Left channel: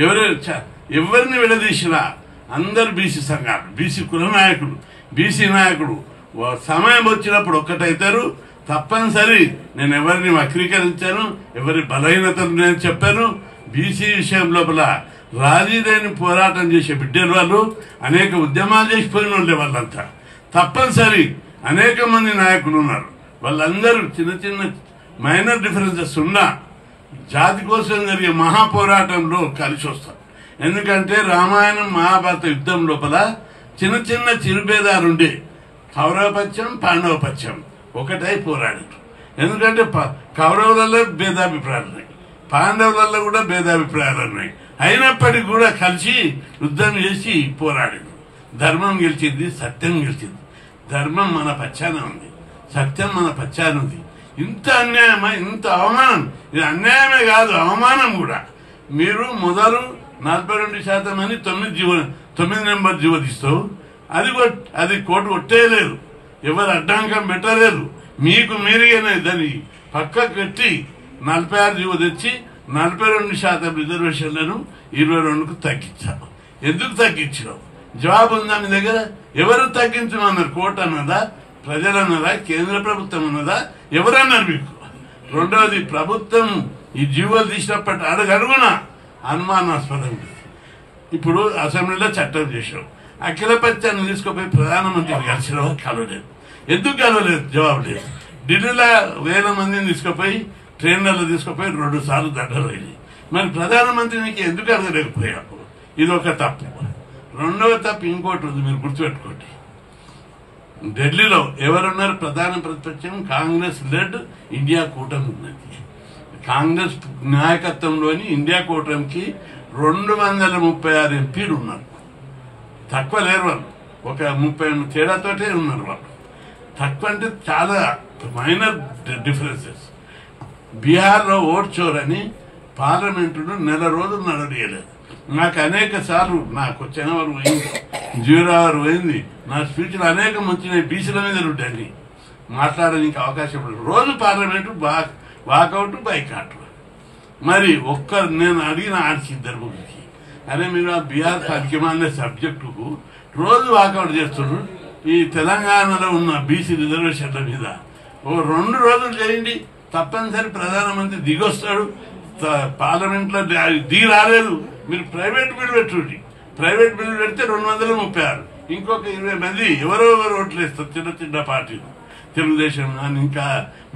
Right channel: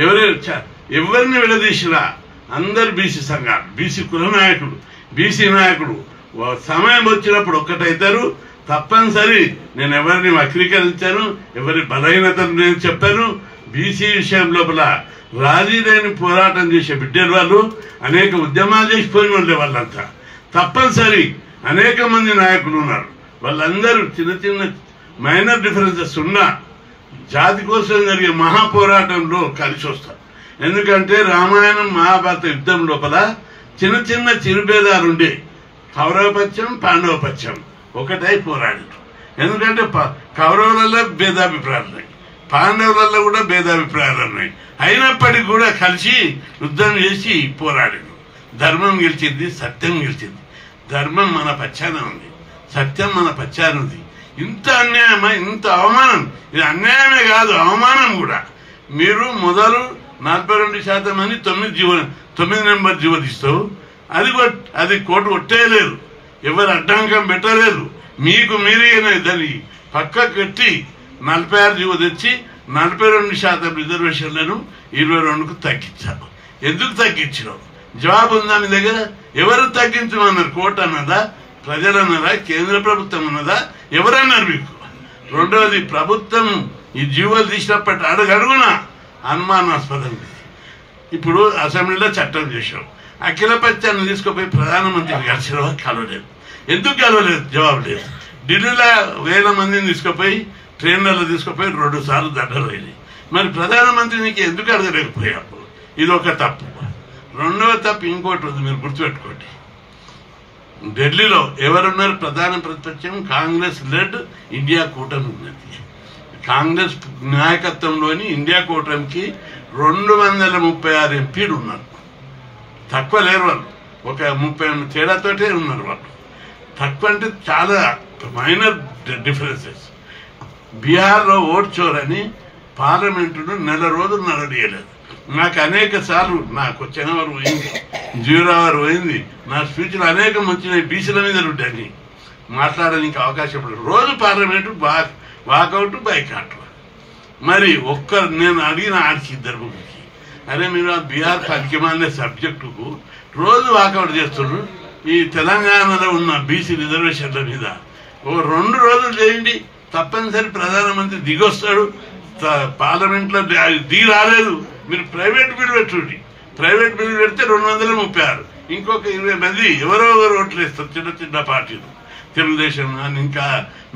ఎవరిని విడదీసినా అందరు బీసీ సంఘాలు, బీసీ కుల నాయకుడు, బీసీ నాయకుడు సమయం వచ్చినప్పుడు ఒక్కటైతారు. తప్పనిసరి నేను ఎవరిని వక్రీకరించాను, ఎవరి బలహీనతను నేను చెప్పాను. బీసీ విషయం లోపల రాజీ లేని పోరాటం చేసే బిడ్డలు వాళ్ళు, అనేక ఉద్యమాలు చేసిపోయిన వాళ్ళే వాళ్ళంతా. తప్పనిసరి అనేక మంది నాయకులు ఉన్నారు. వాళ్ళందరూ చిన్న చిన్న మైనర్ డిఫరెన్సెస్ ఉన్నా జాతి కోసం జరిగే మహాపోరాటంలో కలిసి వస్తారు. ఎందుకంటే రామాయణం మహాభారత యుద్ధం లోపల చిన్న చిన్న చిరుభేదాలుండే కౌరవపక్షం పాండవపక్షం ఒకటై పోరాడారు. ఎందుకంటే కౌరవులలో భేదాభిప్రాయాలు ఉన్నాయి, పాండవులలో కూడా భేదాభిప్రాయాలు ఉన్నాయి. అయినప్పటికీ కూడా కలిసి యుద్ధం చేసి పోరాడారు. ధర్మం గెలిచింది, సత్యం గెలిచింది. ధర్మం మన పక్షాన ఉంది, సత్యం మన పక్షాన ఉంది. ఇంత అన్యాయమా, ఇంత అవమానం! ఇది అన్యాయమే కాదు, అవమానం కూడా. మీరు మొదలు 42% అని 9 నెంబర్ జీవో తీస్తావు. అది కోర్టు కొట్టేయలేదు, ఎవరు అడ్డంకం పెట్టలేదు. మీకు మీరేనా దాన్ని పక్కకు పెట్టి 46 జీవో తెచ్చి 42% రిజర్వేషన్లను 22కు తగ్గించావు. ఎందుకు తగ్గించినావు? జవాబు ఉందా మీ దగ్గర? ఎవరు తగ్గించమన్నారు? కోర్టు అన్నదా, ప్రజలు అన్నారా, కేంద్ర ప్రభుత్వం అన్నదా, ఎవరన్నారు మీకు? రెండవది, ప్రభుత్వం ఈ జీవోలు తీసినప్పటి అడుగడుగున అనుమానాస్పదం. ఇప్పుడు అసెంబ్లీలో చట్టం చేశావు, అఖిలపక్షాన్ని తీసుకుపోయి ప్రధానమంత్రిని కలిసినా కలవలేదు. ఎందుకు కలవలేదు? జవాబు లేదు. ఢిల్లీలో 1000 మందిని తీసుకుపోయి ట్రైన్లలో తీసుకుపోయి 2 సార్లు దండలు అయింది. మరి ప్రధానమంత్రికి ఎందుకు అడగలేకపోయావు? ఇది ఒక తప్పు. రెండవ తప్పు ఇంకోటి ఉంది, మీరు గుర్తుపెట్టుకోండి. ఢిల్లీలో ఎవరున్నారు? ప్రధాన ప్రతిపక్షం కాంగ్రెస్ లెడ్ ఇండియా కూటమి ఉన్నది. కాంగ్రెస్ నాయకత్వంలోని ఇండియా కూటమికి 236 ఎంపీలు ఉన్నారు. తక్కువ లేరు వాళ్ళు, ఒక 30 తేడాతోటే ఉన్నారు వాళ్ళు. తక్కువ అంటే చాలా మైనర్ డిఫరెన్సెస్. బీహార్లో ఓట్ చోర్ అని పార్లమెంటును 1 నెల రోజులు నడవలేదు. నాకు అనేక సార్లు నాకు వచ్చిన వారు పోయింది, 0 అవర్ పోయింది. నా స్పీచ్లు అనేకం వచ్చినాయి, బీసీల మీద ఉంటాయి, మాట్లాడడానికి అవకాశం. రోజు పార్లమెంటు వాకౌట్ బైకాట్. మరి నేను అడిగిన ఆడికి 2 ముగ్గురికి, అరే మీరు ఆ బీహార్ పనికిమాలిన సబ్జెక్టుకు రోజు వాకౌట్ చేస్తున్నారు, ఈ తెలంగాణలో ఉన్న బీసీ రిజర్వేషన్ల మీద ఓ 2 రోజులు చేయండి, తప్పనిసరి ప్రధానమంత్రి దిగొస్తాడు. పార్లమెంట్లో దిగి రాలేదు, మీరు ప్రైవేట్ బిల్లు పెట్టుకోండి. ప్రైవేట్ బిల్లు పెడితే 236, ఇంకొక 20 మంది ఎవరో ఓట్లు వేస్తారు. చిన్న చిన్న పార్టీలు, తెలుగుదేశం అని ఇంకా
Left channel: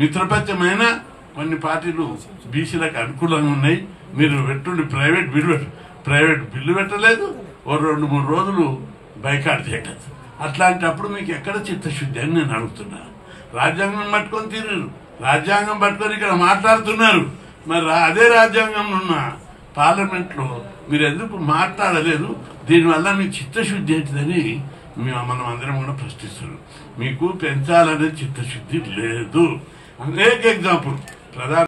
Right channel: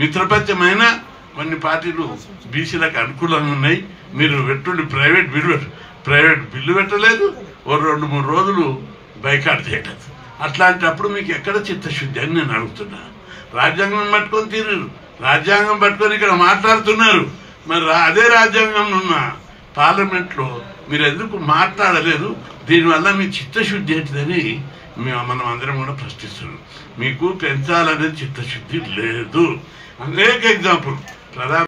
మిత్రపక్షమైన కొన్ని పార్టీలు బీసీలకు అనుకూలంగా ఉన్నాయి. మీరు పెట్టుండి ప్రైవేట్ బిల్లు పెట్టలేదు, ఓ 2-3 రోజులు బైకాట్ చేయలేదు. అట్లాంటప్పుడు మీకు ఎక్కడ చిత్తశుద్ధి అని నేను అడుగుతున్నా. రాజ్యాంగం పట్టుకొని తీరు, రాజ్యాంగం పట్టుకొని ఇక్కడ మాట్లాడుతున్నారు. మరి అదే రాజ్యాంగం ఉన్న పార్లమెంట్లో మీరు ఎందుకు మాట్లాడలేదు? దీనివల్ల మీ చిత్తశుద్ధి ఏంటిదని మనం అందరం కూడా ప్రశ్నిస్తున్నాం. మీకు పెంచాలనే చిత్తశుద్ధి లేదు. అనేక ఎగ్జాంపుల్ ప్రధాన